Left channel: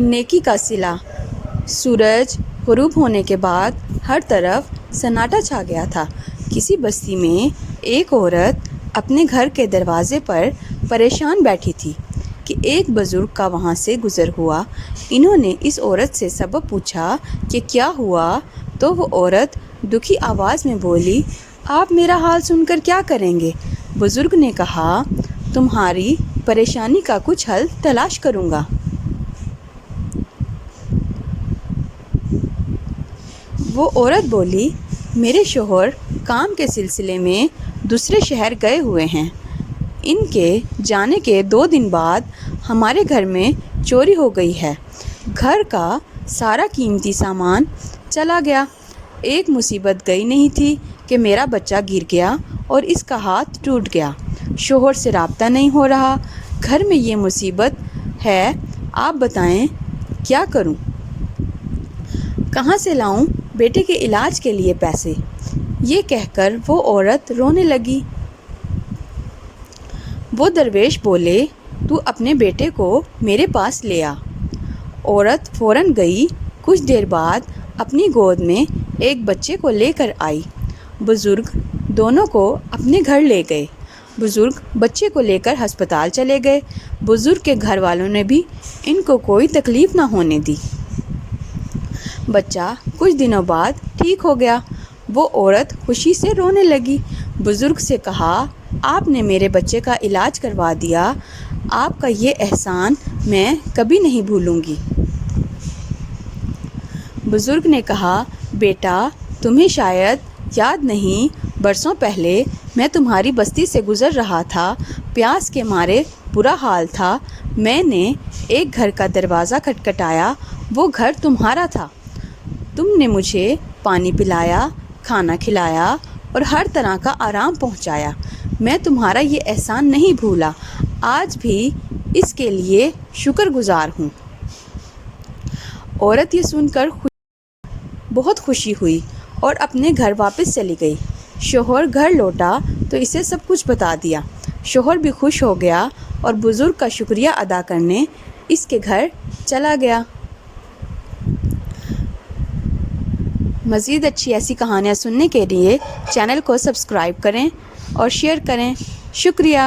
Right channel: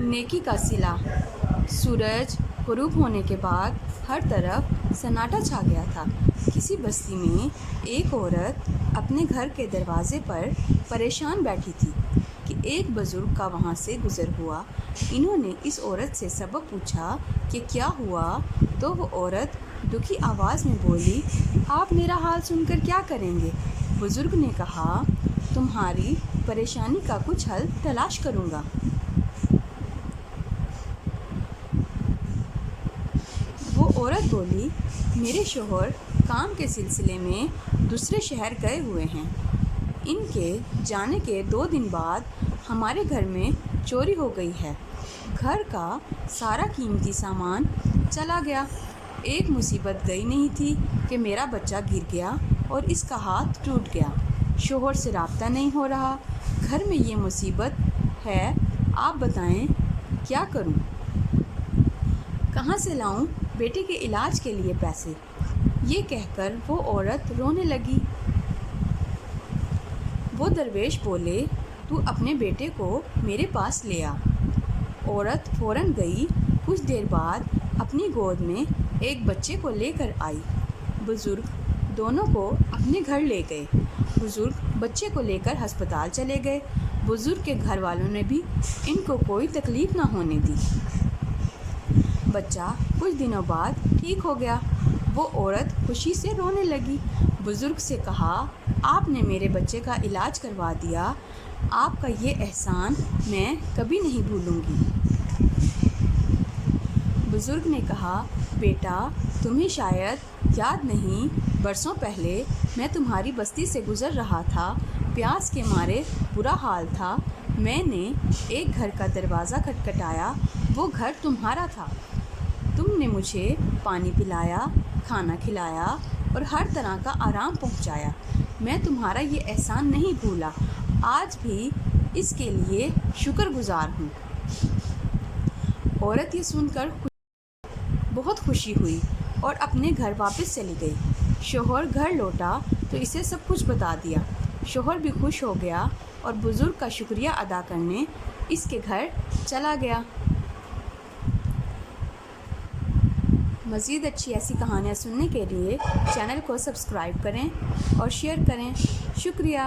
नेकी का सिला। सूरज गुरूब होने के बाद हर तरफ सन्नाटा छा गया था। किसी बस्ती में एक औरत अपने घर के दरवाजे पर परेशान बैठी थी कि एक बुज़ुर्ग का वहाँ से गुज़र हुआ। इन्होंने इस औरत से सबब पूछा कि क्या हुआ, तो वो औरत दुखी आवाज़ में बोली, आप मेरा हाल सुनकर क्या करेंगे। बुज़ुर्ग ने कहा, तुम्हारी परेशानी का कुछ हल तलाश करूँगा। वो औरत बोली, मेरे शोहर काम के सिलसिले में दूसरे शहर गए हुए हैं। इनके जाने के 2 दिन बाद हमारे घर में चोरी हो गई है। घर का सारा कीमती सामान चला गया। एक मुसीबत गई नहीं थी कि मेरा बच्चा गिर गया और इसका हाथ टूट गया। शोहर से राब्ता नहीं हो रहा। घर में ये मुसीबत है, आप बताएं क्या करूं? कहाँ से लाऊं बेटे के इलाज के लिए पैसे? ये कहकर वो औरत रोने लगी। वो दरवेश बोले, तू अपने बेटे को मेरे पास ले आ। औरत फ़ौरन गई। कुछ देर बाद अपनी गोद में एक बच्चे को लेकर आई। बुज़ुर्ग दोनों को अपने घर ले गए। बुज़ुर्ग बच्चे को लेकर अस्पताल चले गए। बुज़ुर्ग के घर वालों ने भी इनको कोई तकलीफ़ ना होने दी। बच्चा कुछ दिनों बाद ठीक हो गया। वो औरत खुशी से रोने लगी। बुज़ुर्ग से कहा, आपने मेरे बच्चे का इलाज करवा दिया। आपका ये एहसान मैं कभी नहीं भूलूंगी। बुज़ुर्ग ने कहा, बेटा, तुम्हें शायद याद नहीं, बरसों पहले मैं तुम्हारी बस्ती से गुज़र रहा था। प्यास के मारे बुरा हाल था। मैंने एक घर का दरवाज़ा खटखटाया। वो घर तुम्हारा था। तुमने मुझे पानी पिलाया, खाना खिलाया और हर तरह का आराम पहुंचाया। मैं तुम्हारा ये एहसान नहीं भूला। आज भी इसके लिए शुक्रगुजार हूँ। औरत ये सुनकर बहुत खुशी हुई और अपने घर वापस चली गई। शोहर घर लौटा तो इसे सब कुछ बता दिया। शोहर भी खुश हो गया और बुज़ुर्ग का शुक्रिया अदा करने इसके घर चला गया। मज़ीद अच्छी ऐसी कहानियाँ सुनने के लिए चैनल को सब्सक्राइब करें और शेयर करें। शुक्रिया।